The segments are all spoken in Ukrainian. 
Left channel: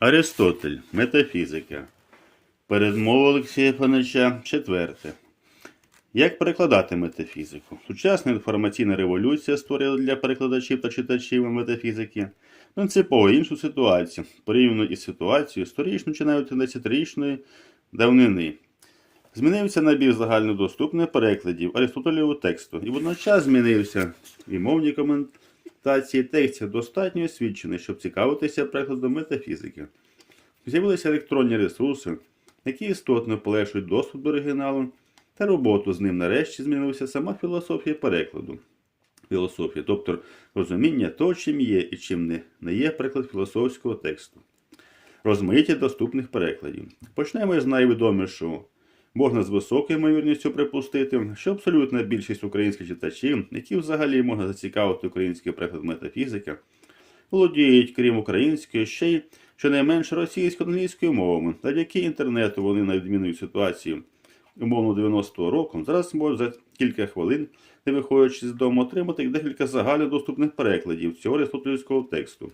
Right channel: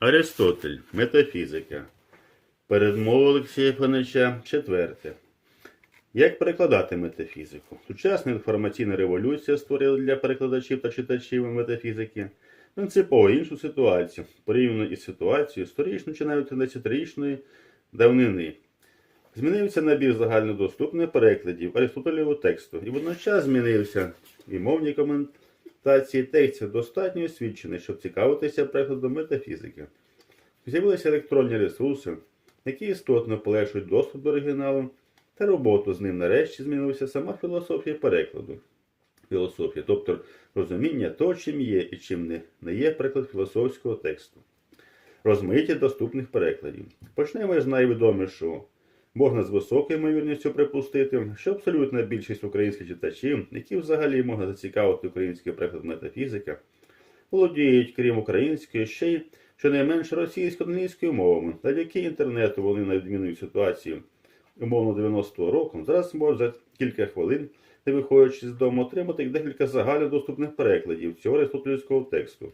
Аристотель. Метафізика. Передмова Олексія Фанича. Четверте. Як перекладати метафізику? Сучасна інформаційна революція створила для перекладачів та читачів метафізики принципово іншу ситуацію, порівняно із ситуацією сторічно чи навіть 13-річної давнини. Змінився набір загальнодоступних перекладів Аристотелевого тексту, і водночас змінився і мовні коментації текстів достатньо освічені, щоб цікавитися перекладом метафізики. З'явилися електронні ресурси, які істотно полегшують доступ до оригіналу та роботу з ним нарешті змінилася сама філософія перекладу. Філософія, тобто розуміння того, чим є і чим не, не є переклад філософського тексту. Розмиття доступних перекладів. Почнемо із найвідомішого. Можна з високою ймовірністю припустити, що абсолютна більшість українських читачів, які взагалі можна зацікавити український переклад метафізика, володіють, крім української, ще й щонайменше російсько-англійською мовами, завдяки інтернету вони, на відміну від ситуації умовно 90-го року, зараз можуть за кілька хвилин, не виходячи з дому, отримати декілька загальнодоступних перекладів цього аристотелівського тексту.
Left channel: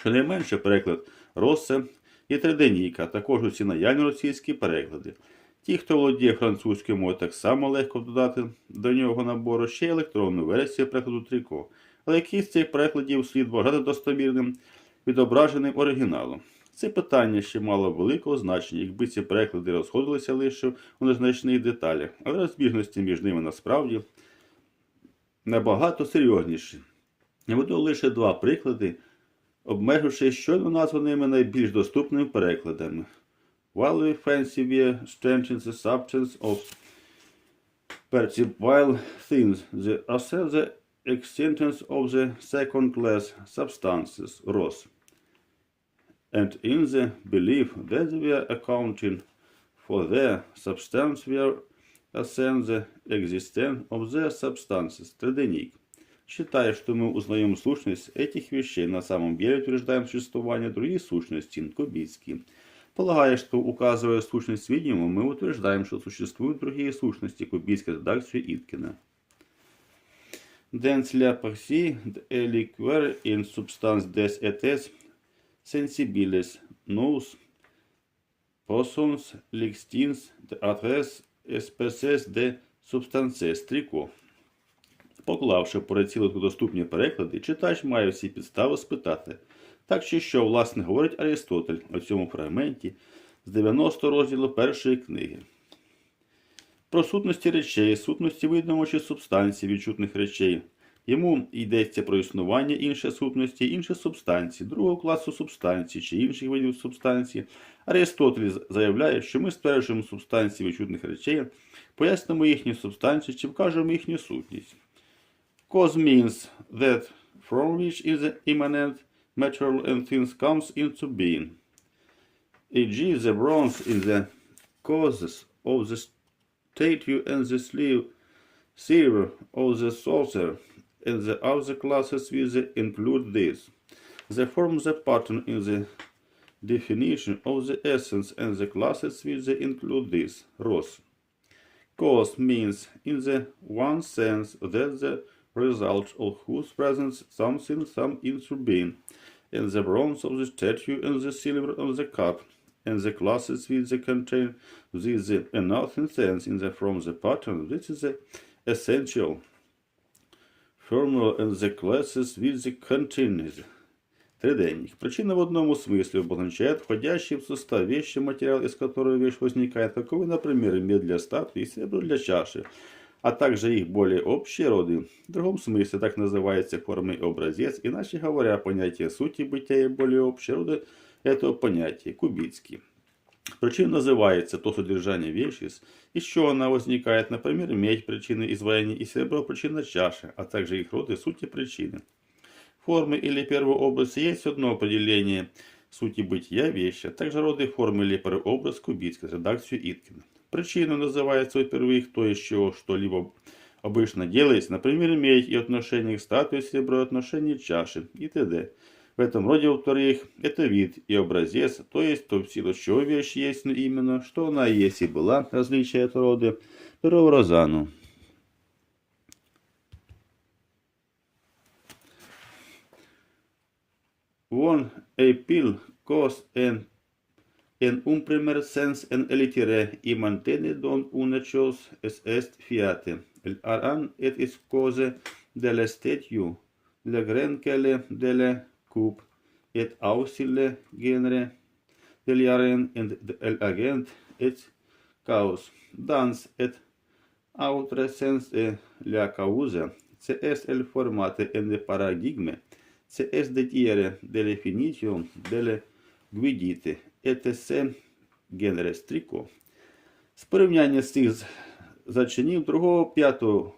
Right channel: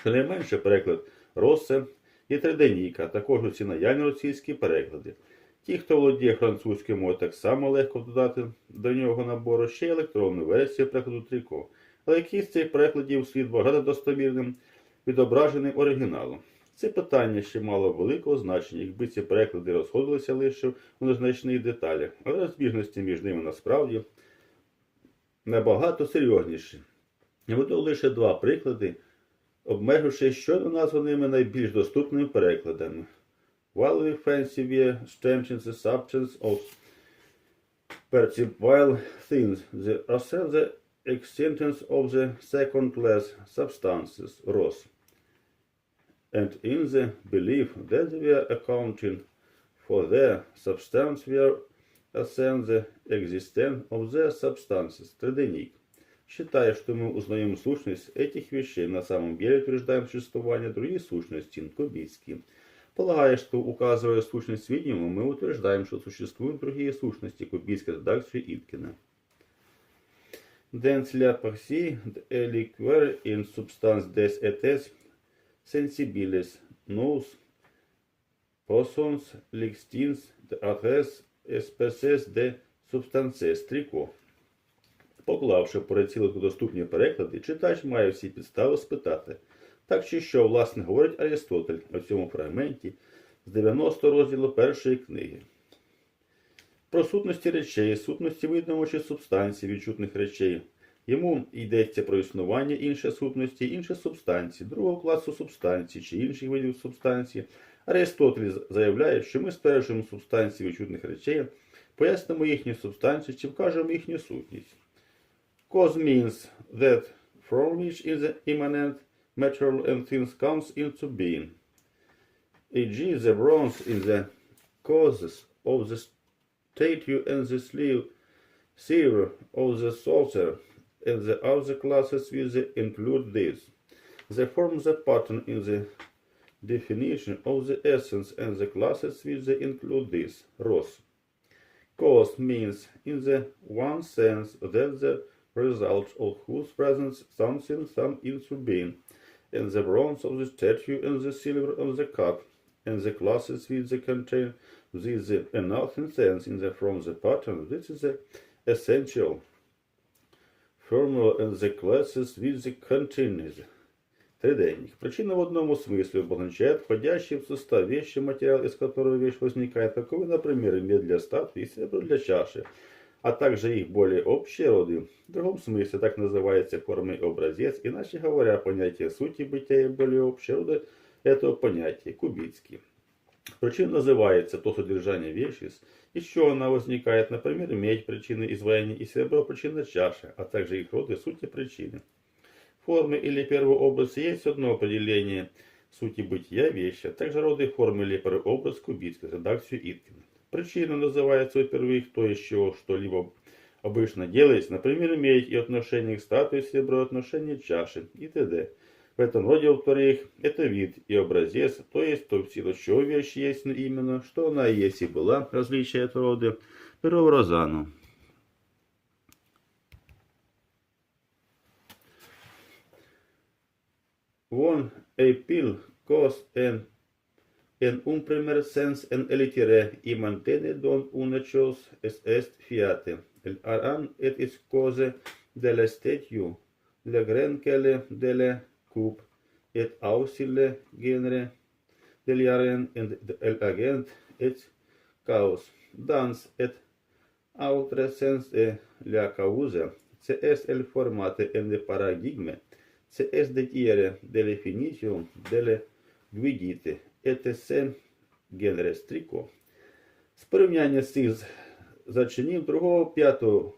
Щонайменше переклад Россе і Триденійка, а також усі наявні російські переклади. Ті, хто володіє французькою мовою, так само легко додати до нього набору ще електронну версію перекладу Тріко, але якийсь з цих перекладів слід вважати достовірним відображеним оригіналом. Це питання ще мало великого значення, якби ці переклади розходилися лише у незначних деталях, але розбіжності між ними насправді набагато серйозніші. Я веду лише два приклади, обмеживши щойно названими найбільш доступними перекладами. While we fancy we strengthen the substance of perceptible things, the ourselves the extents of the second-class substances, ROS. And in the belief that we are accounting for their substance, we are ascend the existence of their substances, Триденник. Считая, что мы узнаем сущность этих вещей, на самом деле утверждаем существование других сущностей, Кубицкий. Полагая, что указывая сущность видимого, мы утверждаем, что существуют другие сущности, Кубицкой редакции Иткина. Dens la partie est liqueur in substance des etes sensibiles nous possons l'extins de adres espèces de substances трико. Поклавши перецілити доступні переклади, читач має всі підстави спитати, так чи що, власне, говорить Аристотель у цьому фрагменті з 90 розділу першої книги. Про сутності речей, сутності видного чи субстанції відчутних речей. Йому йдеться про існування іншої сутності, інших субстанцій, другого класу субстанцій чи інших видів субстанцій. Аристотель заявляє, що ми стверджуємо субстанції відчутних речей, пояснимо їхню субстанцію чи вкажемо їхню сутність. Cause means that from which is immanent material and things comes into being. E.g. the bronze in the causes of the statue and the sleeve, silver of the saucer, and the other classes will include this. The form the pattern in the definition of the essence and the classes will include this. Ross. Cause means, in the one sense, that the result of whose presence something some being, and the bronze of the statue and the silver of the cup, and the classes with the contain this the nothing sense in the from the pattern. This is the essential formula and the classes with the continues. Триденник. Причина в одном смысле обозначает входящий в состав вещи материал, из которого вещь возникает, таковы, например, мед для статуи и серебро для чаши, а также их более общие роды. В другом смысле так называется форма и образец, иначе говоря, понятие сути бытия и более общие роды этого понятия, кубицкий. Причин называется то содержание вещи, из чего она возникает, например, медь причины изваяния и серебро причина чаши, а также их роды сути причины. Формы или первый образ есть одно определение сути бытия вещи, а также роды формы или первый образ кубицкой, редакцию Иткина. Причину называется, во-первых, то, чего что-либо обычно делается, например, медь и отношение к статуе серебро и отношение чаши и т.д. В этом роде, во-вторых, это вид и образец, то есть то, в силу чего вещь есть но именно, что она есть и была, различие этого рода, розану. One a pill cos en en un primer sens en elitere y mantene don una chose es est fiate. El aran et is cose de l'estetiu, le grenkele de le cup, et ausile genere deliaren in el agent et caus, dans et autre sens de la causa, se est el formate en le paradigme, se est de tiere de definitio de le guidite, se genere strico. З порівняння з цих зачинів другого п'ятого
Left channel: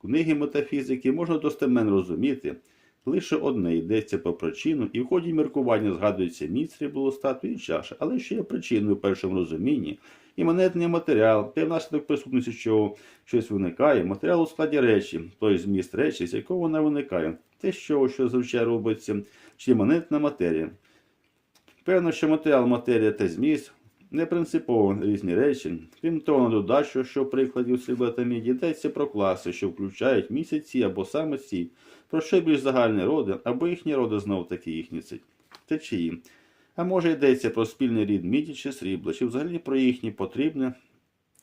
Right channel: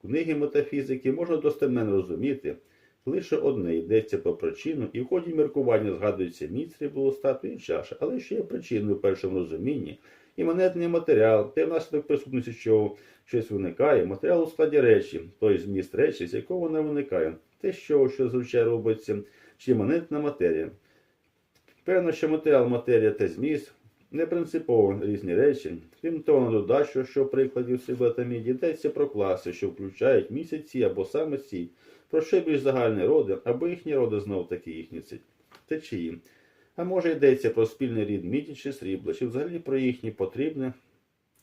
книги метафізики можна достеменно розуміти, лише одне йдеться про причину, і в ході міркування згадується міць сріблостату і чаша, але ще є причиною в першому розумінні. Іманентний матеріал, те внаслідок присутності чого щось виникає, матеріал у складі речі, той зміст речі, з якого вона виникає, те, чого що зазвичай робиться, чи іманентна матерія. Певно, що матеріал, матерія та зміст не принципово різні речі. Крім того, додачу, що в прикладі та йдеться про класи, що включають місяці або саме ці, про що більш загальні роди, або їхні роди знов таки їхні течії. А може йдеться про спільний рід міді чи срібла, чи взагалі про їхні потрібне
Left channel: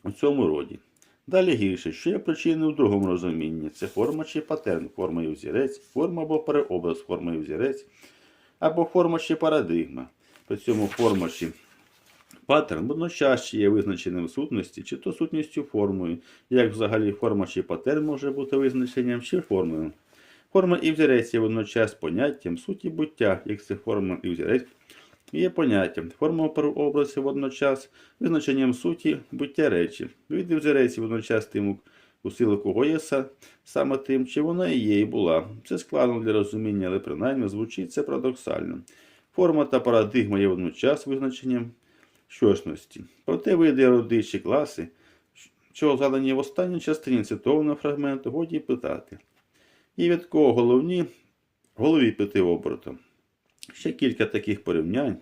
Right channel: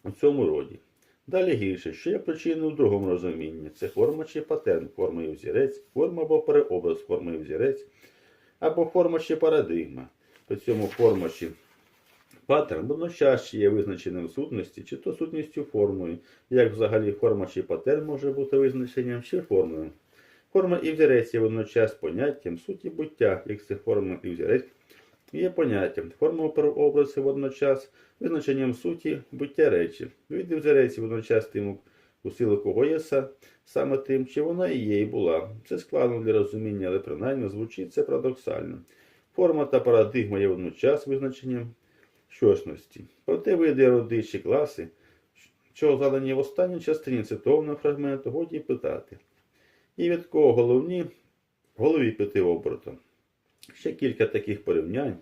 у цьому роді. Далі гірше, що є причиною в другому розумінні це форма чи патерн, форма і взірець, форма або переобраз, форма і взірець, або форма чи парадигма. При цьому форма чи паттерн водночас є визначеним сутності, чи то сутністю формою, як взагалі форма чи патерн може бути визначенням чи формою. Форма і взірець є водночас поняттям суті буття, як це форма і взірець є поняттям. Форма образ є водночас визначенням суті буття речі. Від взірець водночас тим, у силу кого є саме тим, чи вона і є і була. Це складно для розуміння, але принаймні звучить це парадоксально. Форма та парадигма є водночас визначенням щосності. Проте види роди чи класи, що задані в останній частині цитованого фрагменту, годі питати. І від кого головні голові піти обертом. Ще кілька таких порівнянь,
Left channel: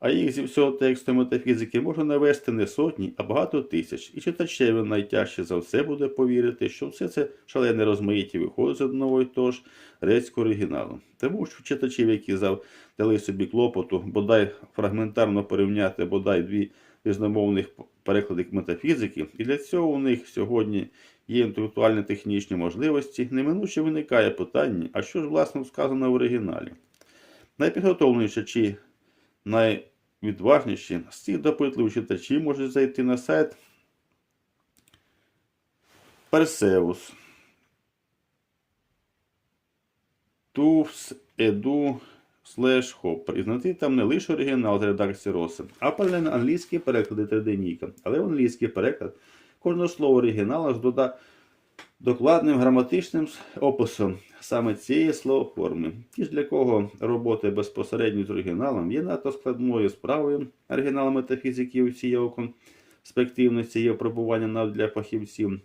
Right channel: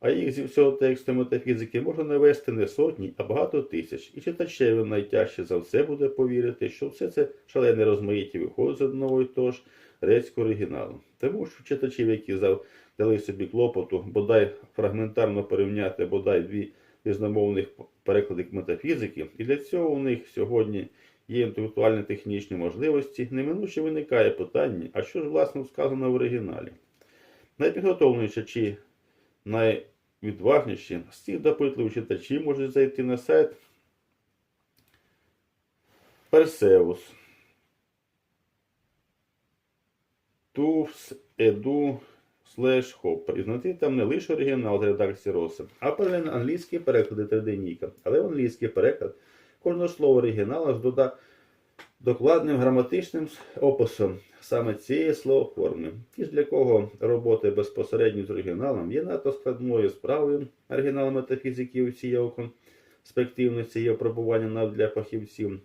а їх зі всього тексту метафізики можна навести не сотні, а багато тисяч. І читачеві найтяжче за все буде повірити, що все це шалене розмаїття виходить з одного і того ж грецького оригіналу. Тому що читачів, які дали собі клопоту, бодай фрагментарно порівняти бодай дві різномовних переклади метафізики, і для цього у них сьогодні є інтелектуальні технічні можливості, неминуче виникає питання, а що ж власне сказано в оригіналі? Найпідготовленіші чи найвідважніші з цих допитливих читачів можуть зайти на сайт Персеус. tufs.edu slash hopper. І знайти там не лише оригінал з редакції Роса, а паралельно англійські переклади триденійка. Але в англійський переклад кожного слова оригіналу з дода... докладним граматичним описом саме цієї словоформи. Ті ж для кого робота безпосередньо з оригіналом є надто складною справою оригіналу метафізики у цієї конспективності є опробування для фахівців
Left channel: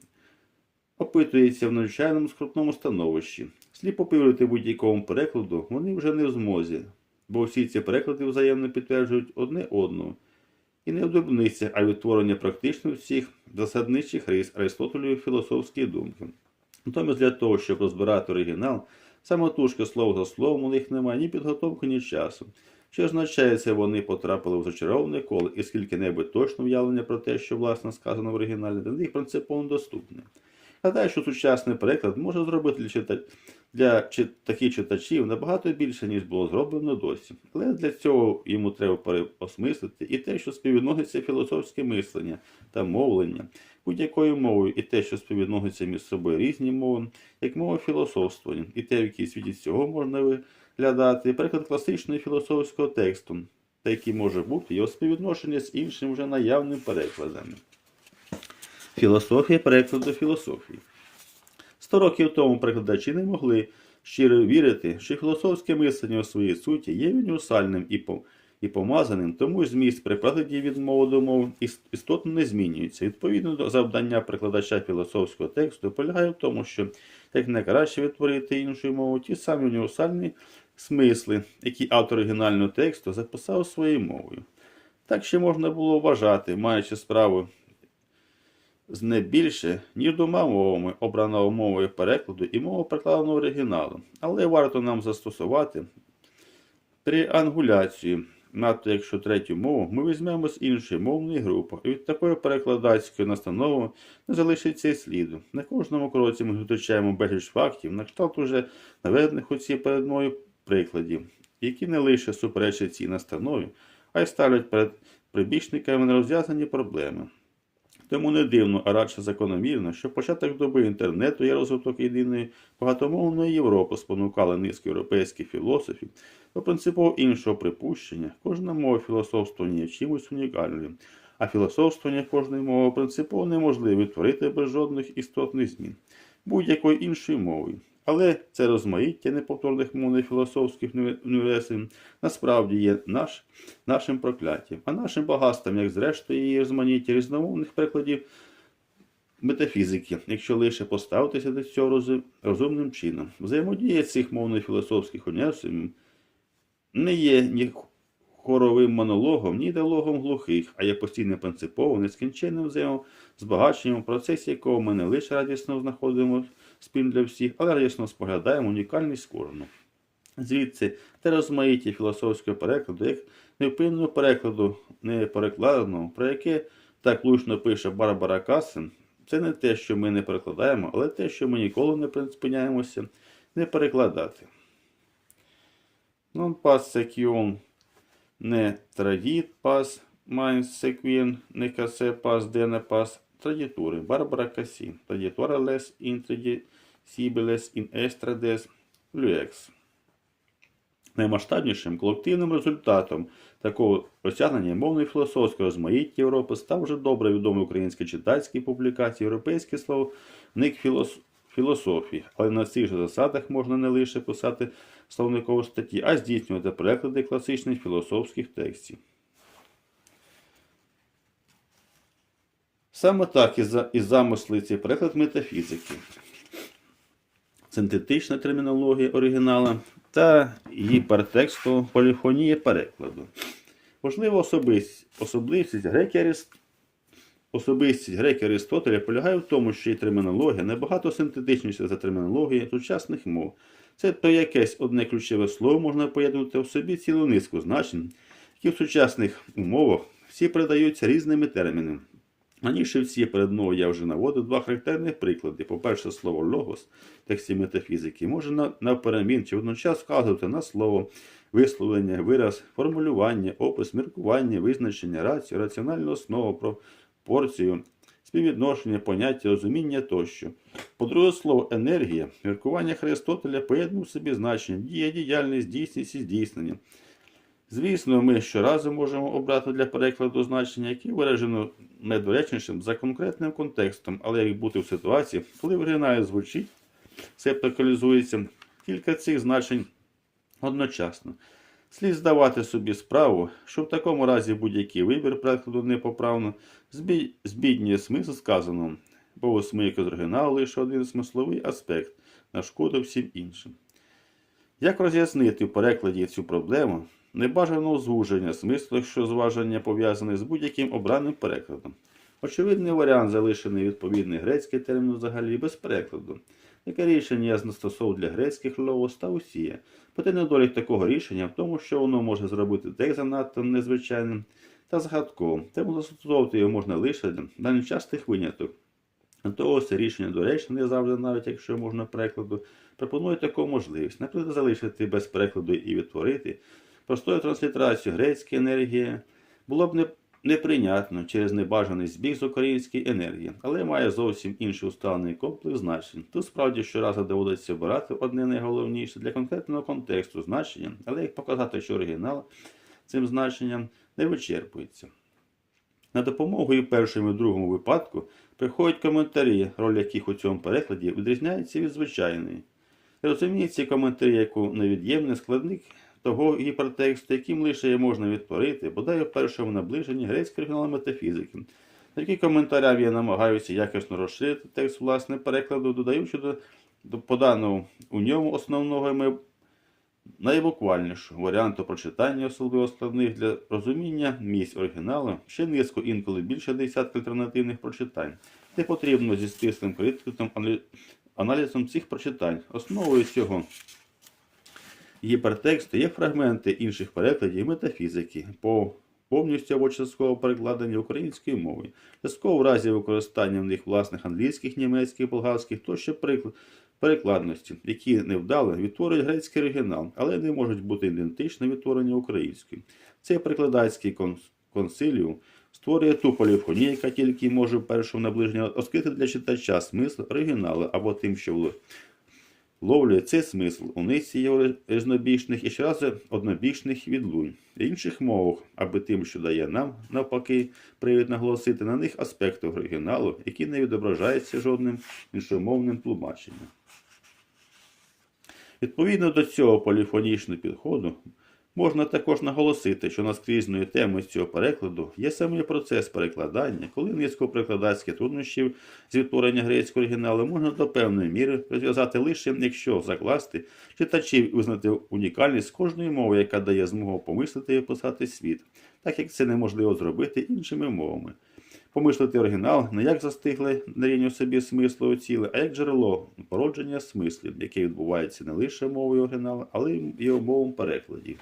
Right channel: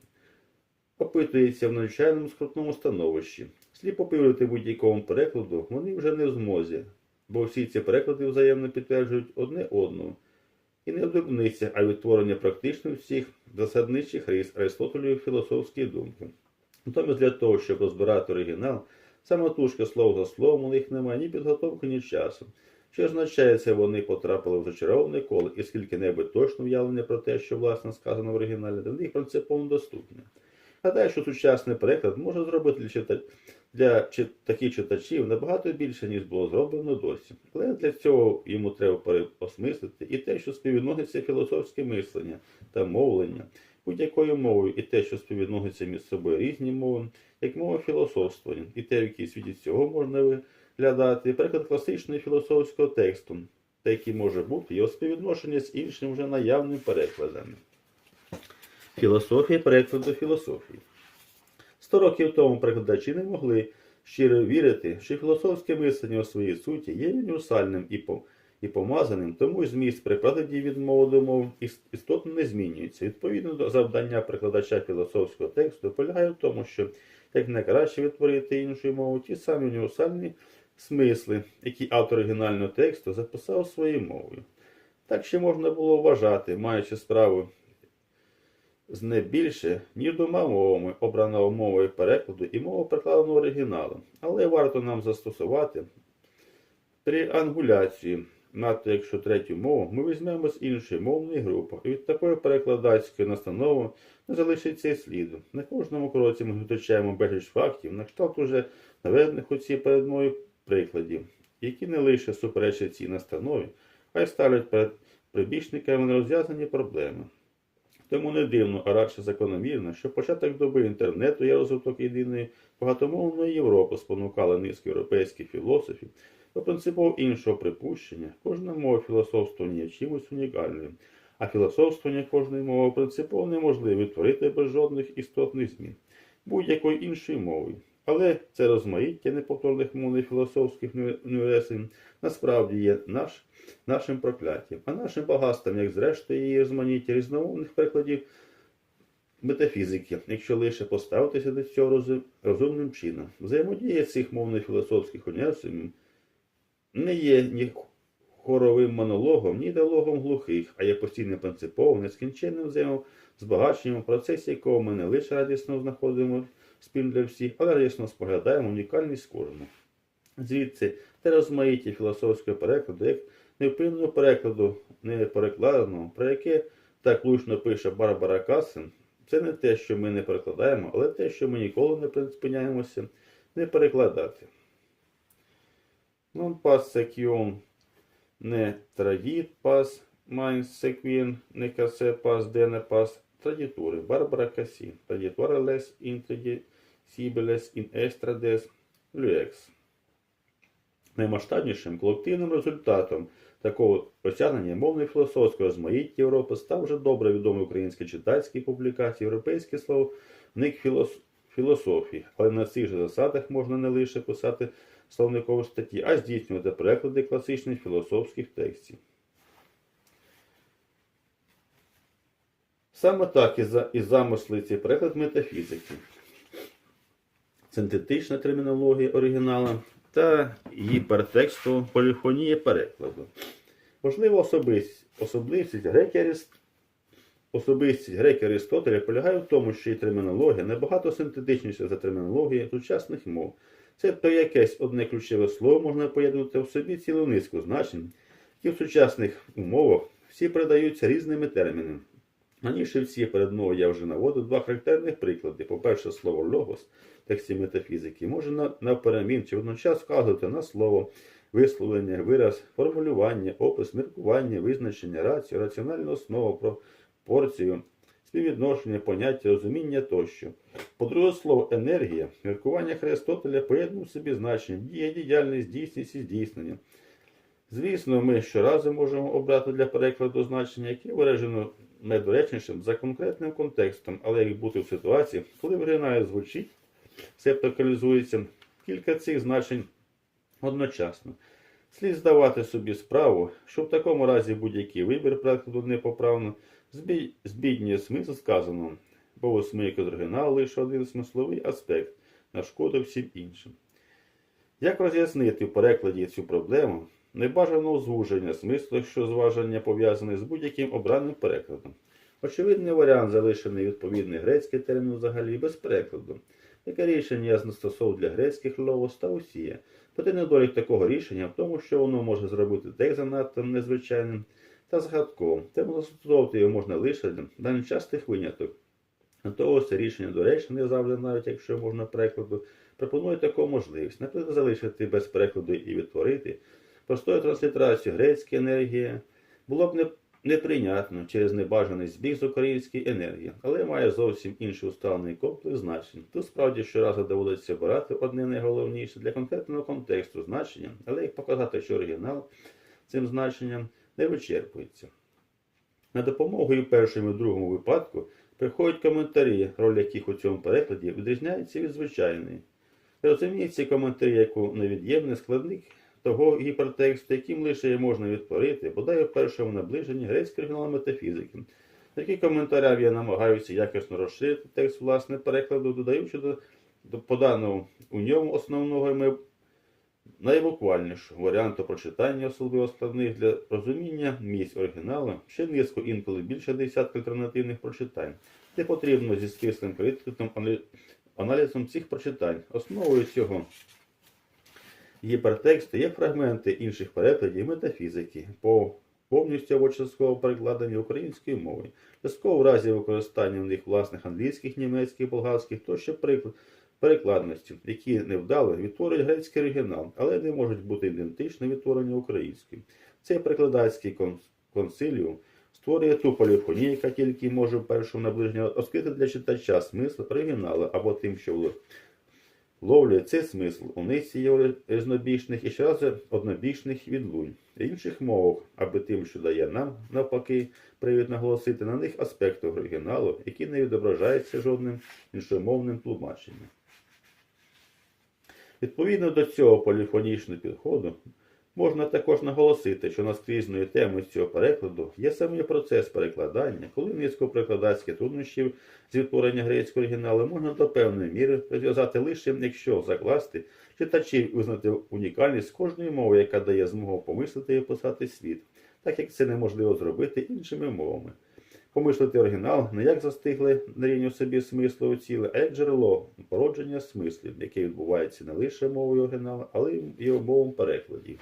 опитується в навчальному скрутному становищі. Сліпо повірити будь-якому перекладу вони вже не в змозі, бо всі ці переклади взаємно підтверджують одне одного. І не одробниця, а відтворення практично всіх засадничих рис Аристотелевої філософської думки. Натомість для того, щоб розбирати оригінал, самотужки слово за словом у них немає ні підготовки, ні часу. Що означає це, вони потрапили в зачароване коло і скільки-небудь точне уявлення про те, що власне сказано в оригіналі, для них принципово недоступне. Гадаю, що сучасний переклад може зробити для, таких читачів набагато більше, ніж було зроблено досі. Але для цього йому треба переосмислити і те, що співвідноситься філософське мислення та мовлення будь-якою мовою, і те, що співвідноситься між собою різні мови, як мова філософствування, і те, в якій світі цього можна виглядати, приклад класичного філософського тексту, та який може бути його співвідношення з іншим вже наявним перекладами. Філософія перекладу філософії. Сто років тому перекладачі не могли щиро вірити, що філософське мислення у своїй суті є універсальним і, і помазаним, тому зміст при перекладі від мови до мови істотно не змінюється. Відповідно до завдання перекладача філософського тексту полягає в тому, що як найкраще відтворити іншою мовою ті самі універсальні смисли, які автор оригінального тексту записав своєю мовою. Так ще можна було вважати, маючи справу з не більше, ніж двома мовами, обраною мовою перекладу і мовою перекладеного оригіналу. Але варто нам застосувати триангуляцію надто якщо третю мову, ми візьмемо з іншої мовної групи, і від такої перекладацької настанови не залишиться сліду. На кожному кроці ми зустрічаємо безліч фактів, на кшталт уже наведених у цій перед мною прикладів, які не лише суперечать цій настанові, а й ставлять перед прибічниками нерозв'язані проблеми. Тому не дивно, а радше закономірно, що початок доби інтернету і розвиток єдиної багатомовної Європи спонукали низку європейських філософів до принципово іншого припущення. Кожна мова філософствування є чимось унікальним, а філософствування кожної мови принципово неможливо відтворити без жодних істотних змін будь-якою іншою мовою. Але це розмаїття неповторних мовних філософських університетів насправді є наш, нашим прокляттям, а нашим багатством, як зрештою її розманіття різномовних прикладів метафізики, якщо лише поставитися до цього роз- розумним чином. Взаємодія цих мовно-філософських університетів не є ні хоровим монологом, ні діалогом глухих, а є постійним принциповим, нескінченним взаємозбагаченням, в процесі якого ми не лише радісно знаходимо спільно для всіх, але радісно споглядаємо унікальність кожного. Звідси те розмаїття філософського перекладу, як невпинного перекладу, не перекладеного, про яке так влучно пише Барбара Кассен, це не те, що ми не перекладаємо, але те, що ми ніколи не припиняємося не перекладати. Non pas sequion ne tradit pas mais sequien ne casse pas dena pas traditore. Barbara Cassi. Traditora les intradicibiles in estrades luex. Наймасштабнішим колективним результатом такого осягнення мовної філософського розмаїття Європи став вже добре відомий український читацький публікації Європейський словник філос... філософії, але на цих же засадах можна не лише писати словникові статті, а здійснювати переклади класичних філософських текстів. Саме так і, за... і замисли цей переклад метафізики синтетична термінологія оригінала та гіпертексту поліфонія перекладу. Можливо, особистість, особливість греки. Особистість греки Аристотеля полягає в тому, що її термінологія набагато синтетичніша за термінологію сучасних мов. Це то якесь одне ключове слово можна поєднувати в собі цілу низку значень, які в сучасних умовах всі передаються різними термінами. Раніше в цій передмові я вже наводив два характерних приклади. По-перше, слово логос в тексті метафізики може на- навперемін чи водночас вказувати на слово, висловлення, вираз, формулювання, опис, міркування, визначення, рацію, раціональну основу, пропорцію, співвідношення, поняття, розуміння тощо. По-друге, слово енергія, міркування Христотеля поєднує в собі значення дія, діяльність, дійсність і здійснення. Звісно, ми щоразу можемо обрати для перекладу значення, яке виражено недоречнішим за конкретним контекстом, але як бути в ситуації, коли оригіналі звучить, септакалізується кілька цих значень одночасно. Слід здавати собі справу, що в такому разі будь-який вибір перекладу непоправно збіднює смисл сказаного, бо у смийку з оригіналу лише один смисловий аспект на шкоду всім іншим. Як роз'яснити в перекладі цю проблему небажаного звуження смислу, якщо зваження пов'язане з будь-яким обраним перекладом? Очевидний варіант залишений відповідний грецький термін взагалі без перекладу. Яке рішення застосовував для грецьких логос та усія. Проте недолік такого рішення в тому, що воно може зробити текст занадто незвичайним та згадковим, тому застосовувати його можна лише для нечастих виняток. До того це рішення доречне не завжди, навіть якщо можна перекладу, пропонує таку можливість, наприклад, залишити без перекладу і відтворити простою транслітерацією грецької енергії було б неприйнятно через небажаний збіг з української енергії, але має зовсім інший усталений комплекс значень. Тут справді щоразу доводиться обирати одне найголовніше для конкретного контексту значення, але як показати, що оригінал цим значенням не вичерпується. На допомогу і першому і другому випадку приходять коментарі, роль яких у цьому перекладі відрізняється від звичайної. Розуміють ці коментарі як невід'ємний складник того гіпертексту, яким лише можна відтворити, бодай у першому наближенні грецького оригіналу метафізики. Такі коментарям я намагаюся якісно розширити текст власне перекладу, додаючи до, до поданого у ньому основного найбуквальнішого варіанту прочитання, особливо складних для розуміння місць оригіналу, ще низку інколи більше десятка альтернативних прочитань, де потрібно зі стислим критиком аналізом цих прочитань. Основою цього гіпертексту є фрагменти інших перекладів метафізики по повністю або частково перекладені українською мовою. Частково в разі використання в них власних англійських, німецьких, болгарських тощо прикл- перекладності, які невдало відтворюють грецький оригінал, але не можуть бути ідентично відтворені українською. Цей перекладацький кон- консиліум створює ту поліфонію, яка тільки може першому наближенні розкрити для читача смисл оригіналу або тим, що ловлять цей смисл у низці його різнобічних і щоразу однобічних відлунь. Інших мовах, аби тим, що дає нам, навпаки, привід наголосити на них аспекти оригіналу, які не відображаються жодним іншомовним тлумаченням. Відповідно до цього поліфонічного підходу, можна також наголосити, що наскрізною темою цього перекладу є самий процес перекладання, коли низку перекладацьких труднощів з відтворення грецького оригіналу можна до певної міри розв'язати лише, якщо закласти читачів і визнати унікальність кожної мови, яка дає змогу помислити і описати світ, так як це неможливо зробити іншими мовами. Помислити оригінал не як застигле на рівні собі смислу ціле, а як джерело породження смислів, яке відбувається не лише мовою оригіналу, але й мовом перекладів.